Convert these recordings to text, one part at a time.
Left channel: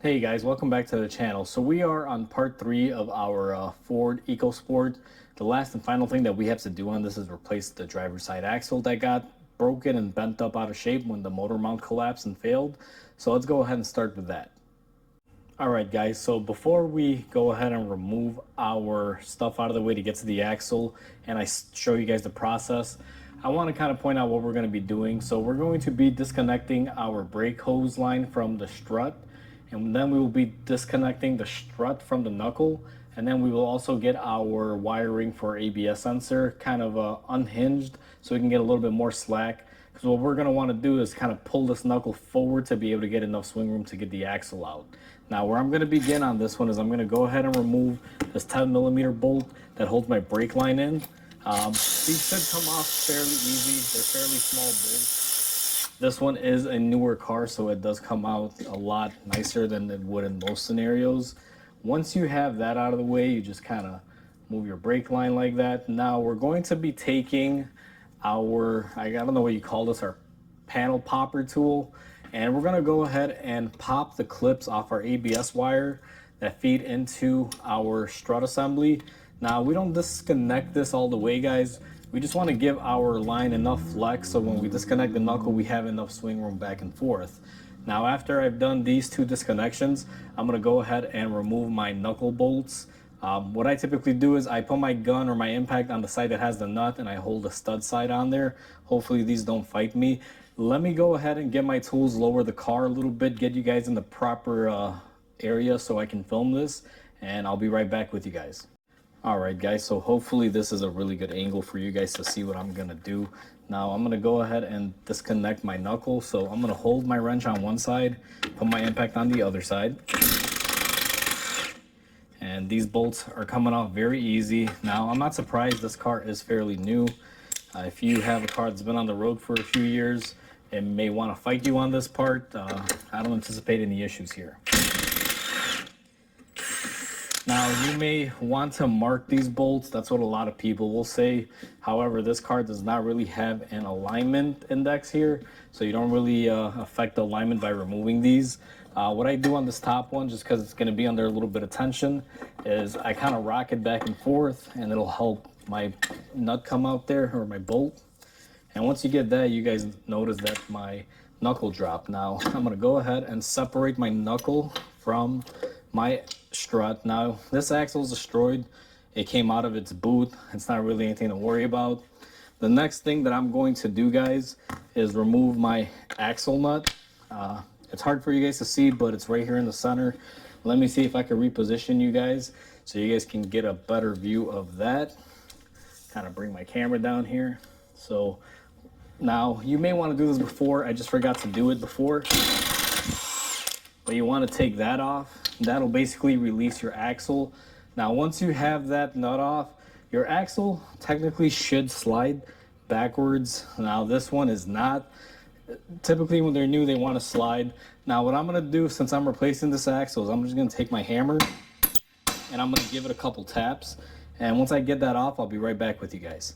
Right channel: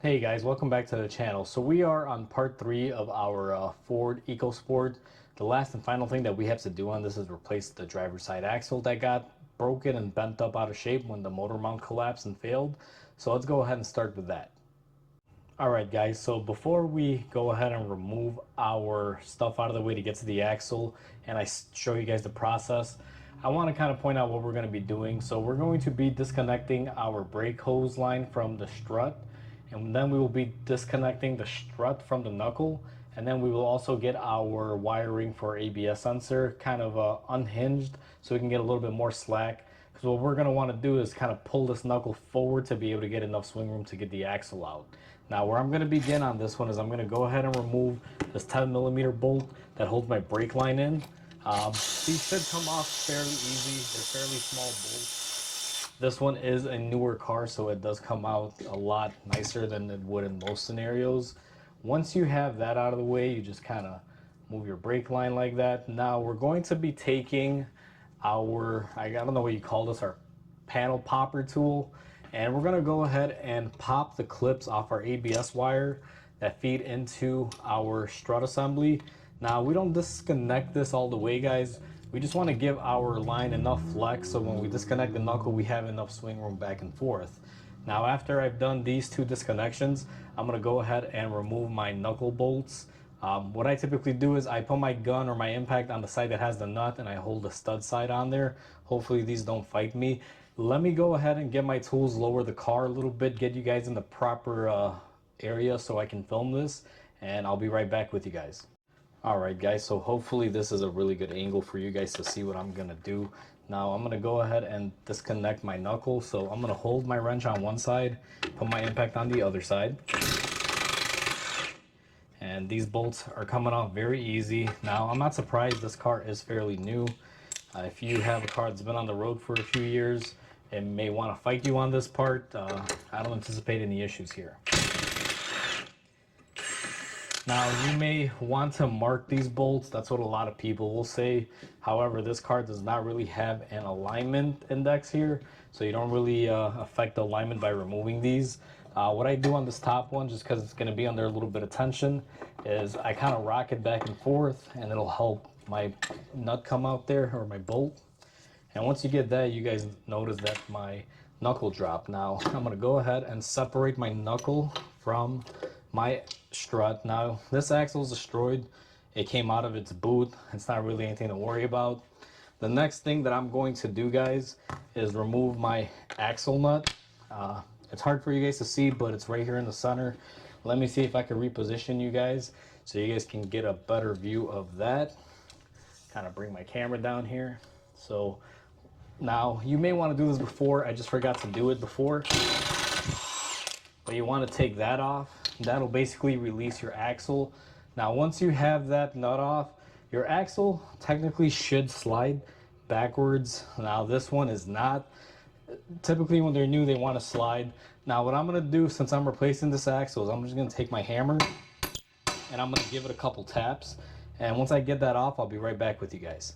Hey guys, welcome back to the channel. So we are on part 3 of our Ford EcoSport. The last and final thing that we have to do on this is replace the driver's side axle that got broken and bent up out of shape when the motor mount collapsed and failed. So let's go ahead and start with that. Alright guys, so before we go ahead and remove our stuff out of the way to get to the axle and I show you guys the process, I want to kind of point out what we're going to be doing. So we're going to be disconnecting our brake hose line from the strut, and then we will be disconnecting the strut from the knuckle, and then we will also get our wiring for ABS sensor kind of unhinged so we can get a little bit more slack, because what we're going to want to do is kind of pull this knuckle forward to be able to get enough swing room to get the axle out. Now where I'm going to begin on this one is I'm going to go ahead and remove this 10mm bolt that holds my brake line in. These should come off fairly easy. They're fairly small bolts. This one is a newer car, so it does come out a lot nicer than it would in most scenarios. Once you have that out of the way, you just kind of move your brake line like that. Now we're going to be taking our, I don't know what you call this, our panel popper tool, and we're going to go ahead and pop the clips off our ABS wire that feed into our strut assembly. Now we don't disconnect this all the way, guys. We just want to give our line enough flex so when we disconnect the knuckle we have enough swing room back and forth. Now after I've done these two disconnections, I'm going to go ahead and remove my knuckle bolts. What I typically do is I put my gun or my impact on the side that has the nut and I hold the stud side on there. Hopefully these don't fight me. Let me go ahead and get my tools, lower the car a little bit, get you guys in the proper area so I can film this, and I'll be right back with you guys. Alright guys, so hopefully this is a really good angle for you guys to see what I'm going to do. Now I'm going to go ahead and disconnect my knuckle. So I'm going to hold my wrench on one side, put my impact on the other side. And these bolts are coming off very easy. Now I'm not surprised, this car is fairly new. If you have a car that's been on the road for a few years, it may want to fight you on this part. I don't anticipate any issues here. Now you may want to mark these bolts, that's what a lot of people will say. However, this car does not really have an alignment index here, so you don't really affect the alignment by removing these. What I do on this top one, just because it's going to be under a little bit of tension, is I kind of rock it back and forth and it'll help my nut come out there, or my bolt. And once you get that, you guys notice that my knuckle dropped. Now I'm going to go ahead and separate my knuckle from my strut. Now this axle is destroyed. It came out of its boot. It's not really anything to worry about. The next thing that I'm going to do, guys, is remove my axle nut. It's hard for you guys to see, but it's right here in the center. Let me see if I can reposition you guys so you guys can get a better view of that. Kind of bring my camera down here. So now you may want to do this before. I just forgot to do it before. But you want to take that off. That'll basically release your axle. Now once you have that nut off, your axle technically should slide backwards. Now this one is not. Typically when they're new they want to slide. Now what I'm going to do, since I'm replacing this axle, is I'm just going to take my hammer and I'm going to give it a couple taps. And once I get that off, I'll be right back with you guys.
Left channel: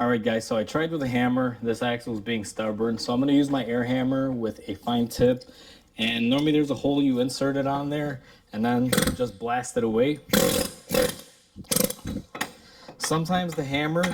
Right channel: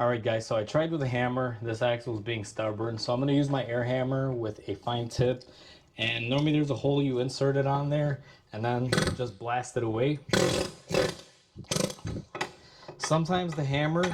Alright guys, so I tried with a hammer. This axle is being stubborn, so I'm going to use my air hammer with a fine tip. And normally there's a hole you insert it on there and then just blast it away. Sometimes the hammer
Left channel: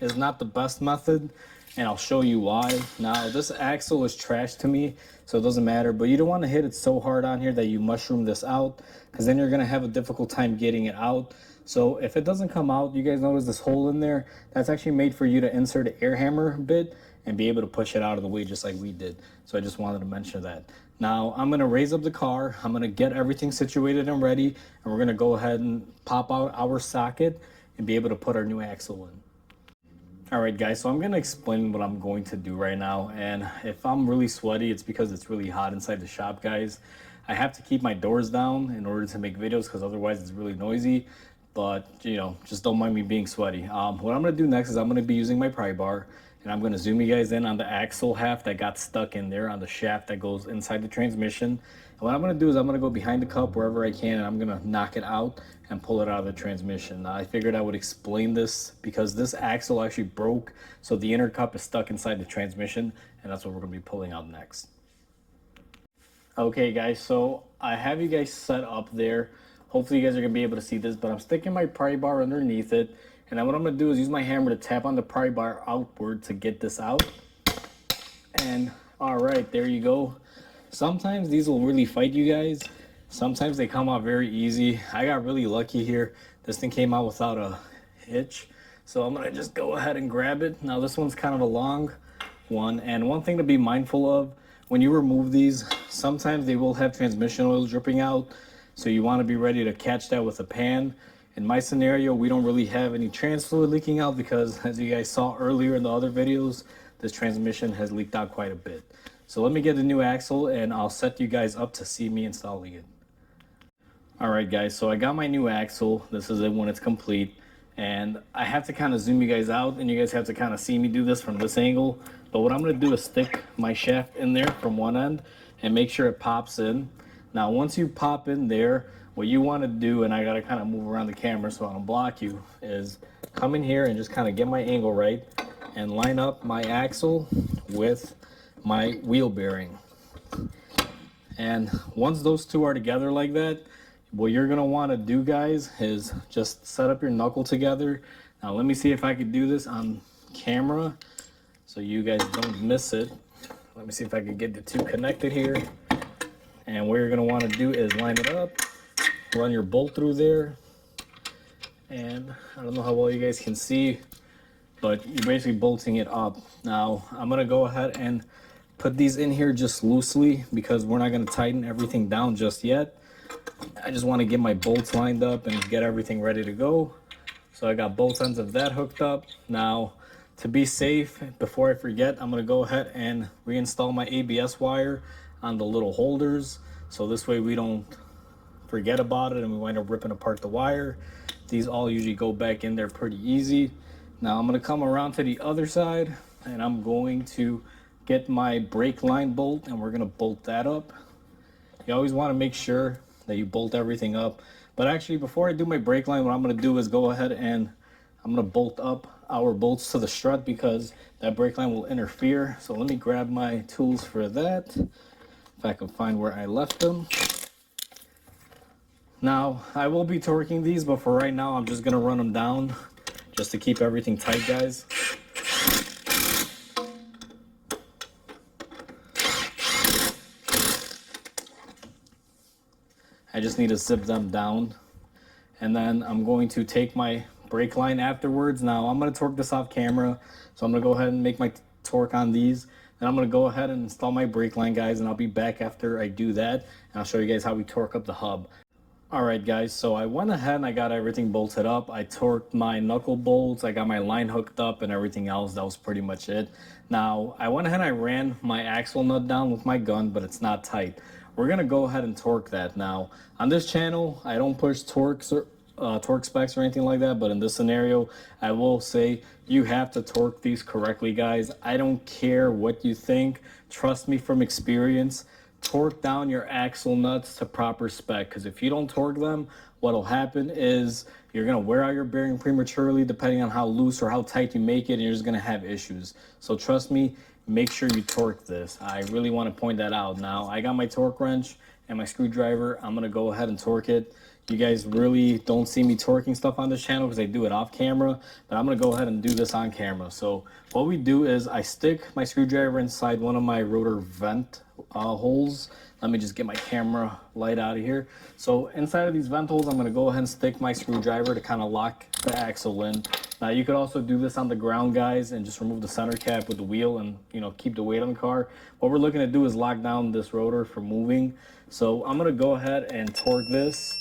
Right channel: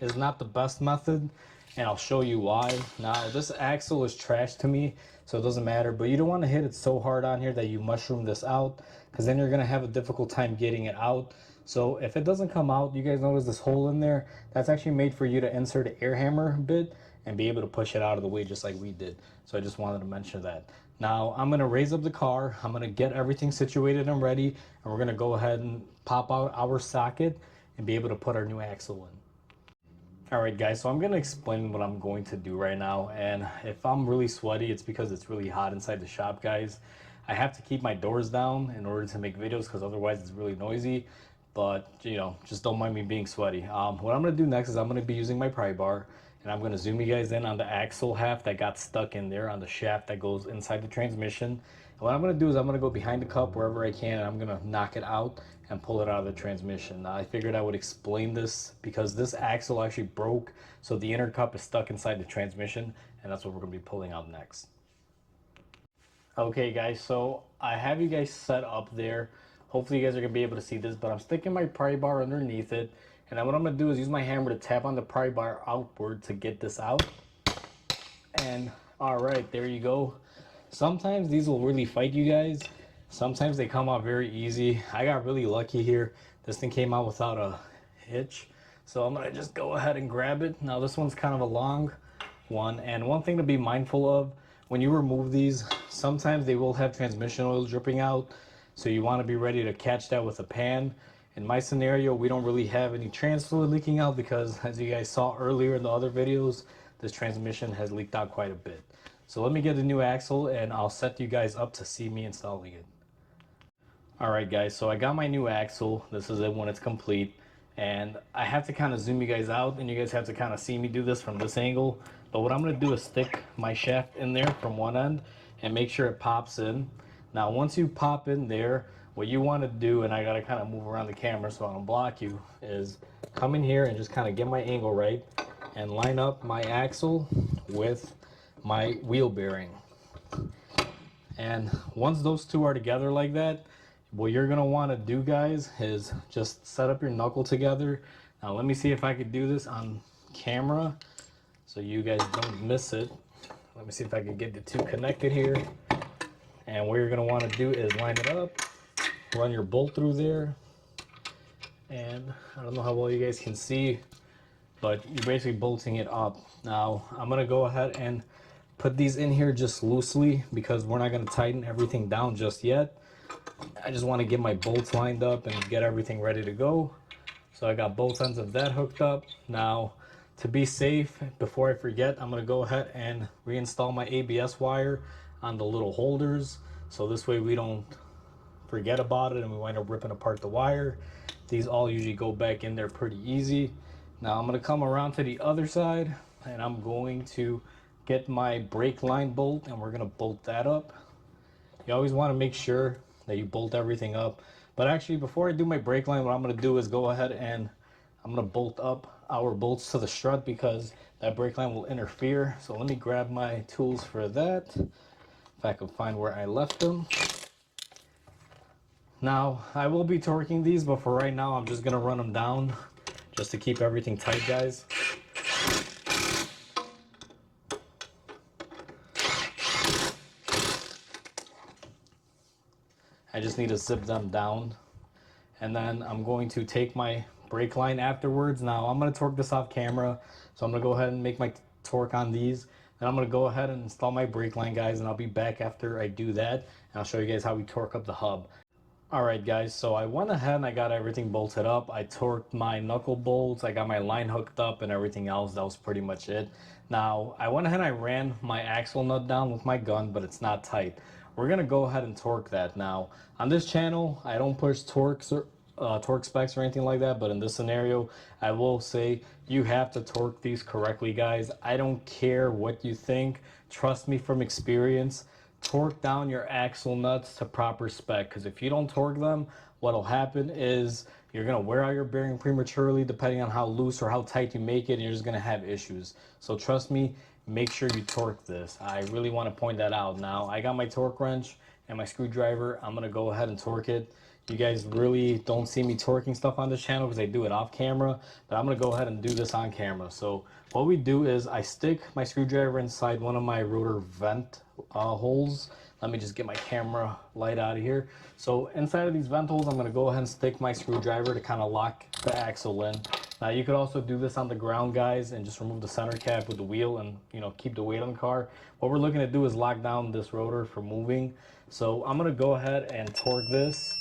is not the best method, and I'll show you why. Now this axle is trash to me, so it doesn't matter, but you don't want to hit it so hard on here that you mushroom this out, because then you're going to have a difficult time getting it out. So if it doesn't come out, you guys notice this hole in there? That's actually made for you to insert an air hammer bit and be able to push it out of the way just like we did. So I just wanted to mention that. Now I'm going to raise up the car. I'm going to get everything situated and ready, and we're going to go ahead and pop out our socket and be able to put our new axle in. Alright guys, so I'm going to explain what I'm going to do right now, and if I'm really sweaty, it's because it's really hot inside the shop, guys. I have to keep my doors down in order to make videos because otherwise it's really noisy. But, you know, just don't mind me being sweaty. What I'm going to do next is I'm going to be using my pry bar, and I'm going to zoom you guys in on the axle half that got stuck in there on the shaft that goes inside the transmission. And what I'm going to do is I'm going to go behind the cup wherever I can, and I'm going to knock it out and pull it out of the transmission. Now, I figured I would explain this because this axle actually broke, so the inner cup is stuck inside the transmission, and that's what we're going to be pulling out next. Okay guys, so I have you guys set up there. Hopefully you guys are going to be able to see this, but I'm sticking my pry bar underneath it. And then what I'm going to do is use my hammer to tap on the pry bar outward to get this out. And alright, there you go. Sometimes these will really fight you guys. Sometimes they come out very easy. I got really lucky here. This thing came out without a hitch. So I'm going to just go ahead and grab it. Now this one's kind of a long one. And one thing to be mindful of, when you remove these, sometimes they will have transmission oil dripping out. So you want to be ready to catch that with a pan. In my scenario, we don't really have any trans fluid leaking out because, as you guys saw earlier in the other videos, this transmission has leaked out quite a bit. So let me get the new axle and I'll set you guys up to see me installing it. Alright guys, so I got my new axle. This is it when it's complete. And I have to kind of zoom you guys out and you guys have to kind of see me do this from this angle. But what I'm going to do is stick my shaft in there from one end and make sure it pops in. Now once you pop in there, what you want to do, and I got to kind of move around the camera so I don't block you, is come in here and just kind of get my angle right and line up my axle with my wheel bearing. And once those two are together like that, what you're going to want to do guys is just set up your knuckle together. Now let me see if I could do this on camera so you guys don't miss it. Let me see if I can get the two connected here. And what you're going to want to do is line it up, run your bolt through there, and I don't know how well you guys can see, but you're basically bolting it up. Now I'm going to go ahead and put these in here just loosely because we're not going to tighten everything down just yet. I just want to get my bolts lined up and get everything ready to go. So I got both ends of that hooked up. Now to be safe, before I forget, I'm going to go ahead and reinstall my ABS wire on the little holders, so this way we don't forget about it and we wind up ripping apart the wire. These all usually go back in there pretty easy. Now I'm going to come around to the other side and I'm going to get my brake line bolt and we're going to bolt that up. You always want to make sure that you bolt everything up, but actually before I do my brake line, what I'm going to do is go ahead and I'm going to bolt up our bolts to the strut because that brake line will interfere. So let me grab my tools for that, if I can find where I left them. Now I will be torquing these, but for right now I'm just going to run them down just to keep everything tight guys. I just need to zip them down, and then I'm going to take my brake line afterwards. Now I'm going to torque this off camera, so I'm going to go ahead and make my torque on these. Then I'm going to go ahead and install my brake line guys, and I'll be back after I do that, and I'll show you guys how we torque up the hub. Alright guys, so I went ahead and I got everything bolted up. I torqued my knuckle bolts, I got my line hooked up and everything else. That was pretty much it. Now I went ahead and I ran my axle nut down with my gun, but it's not tight. We're going to go ahead and torque that. Now on this channel I don't push torque specs or anything like that, but in this scenario I will say you have to torque these correctly guys. I don't care what you think, trust me from experience. Torque down your axle nuts to proper spec, because if you don't torque them, what'll happen is you're going to wear out your bearing prematurely depending on how loose or how tight you make it, and you're just going to have issues. So trust me, make sure you torque this. I really want to point that out. Now I got my torque wrench and my screwdriver. I'm going to go ahead and torque it. You guys really don't see me torquing stuff on this channel because I do it off camera, but I'm going to go ahead and do this on camera. So what we do is I stick my screwdriver inside one of my rotor vent holes. Let me just get my camera light out of here. So inside of these vent holes, I'm going to go ahead and stick my screwdriver to kind of lock the axle in. Now you could also do this on the ground guys and just remove the center cap with the wheel and keep the weight on the car. What we're looking to do is lock down this rotor from moving. So I'm going to go ahead and torque this.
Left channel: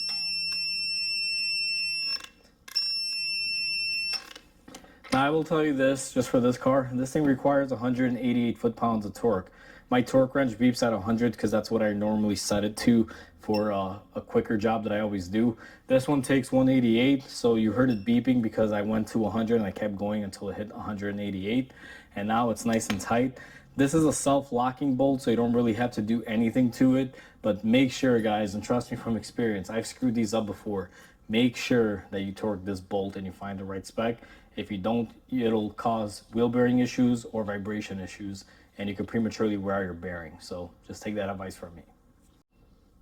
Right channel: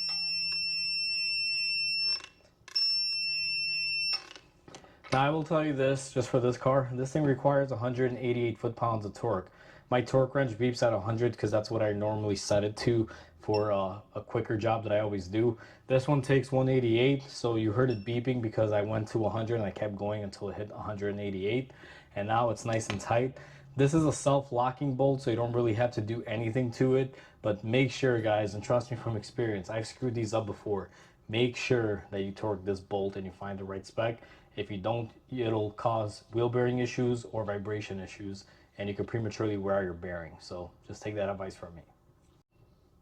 Now I will tell you this, just for this car, this thing requires 188 foot-pounds of torque. My torque wrench beeps at 100 because that's what I normally set it to for a quicker job that I always do. This one takes 188, so you heard it beeping because I went to 100 and I kept going until it hit 188, and now it's nice and tight. This is a self-locking bolt, so you don't really have to do anything to it, but make sure guys, and trust me from experience, I've screwed these up before, make sure that you torque this bolt and you find the right spec. If you don't, it'll cause wheel bearing issues or vibration issues, and you could prematurely wear out your bearing. So just take that advice from me.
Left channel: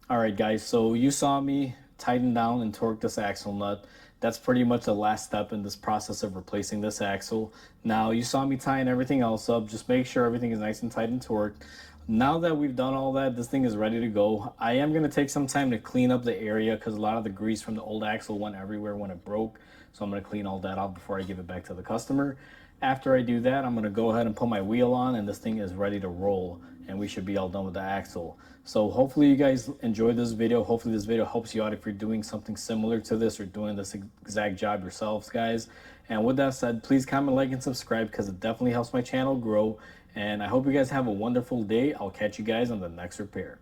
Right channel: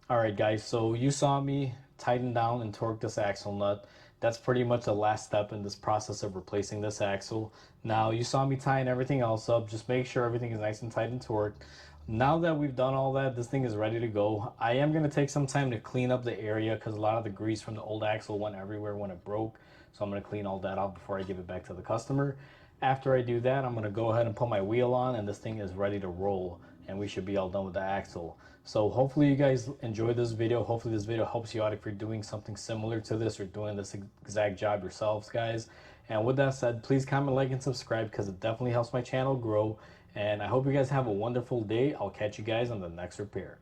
All right, guys, so you saw me tighten down and torque this axle nut. That's pretty much the last step in this process of replacing this axle. Now, you saw me tying everything else up. Just make sure everything is nice and tight and torqued. Now that we've done all that, this thing is ready to go. I am going to take some time to clean up the area because a lot of the grease from the old axle went everywhere when it broke. So I'm going to clean all that out before I give it back to the customer. After I do that, I'm going to go ahead and put my wheel on, and this thing is ready to roll, and we should be all done with the axle. So hopefully you guys enjoyed this video. Hopefully this video helps you out if you're doing something similar to this or doing this exact job yourselves, guys. And with that said, please comment, like, and subscribe because it definitely helps my channel grow. And I hope you guys have a wonderful day. I'll catch you guys on the next repair.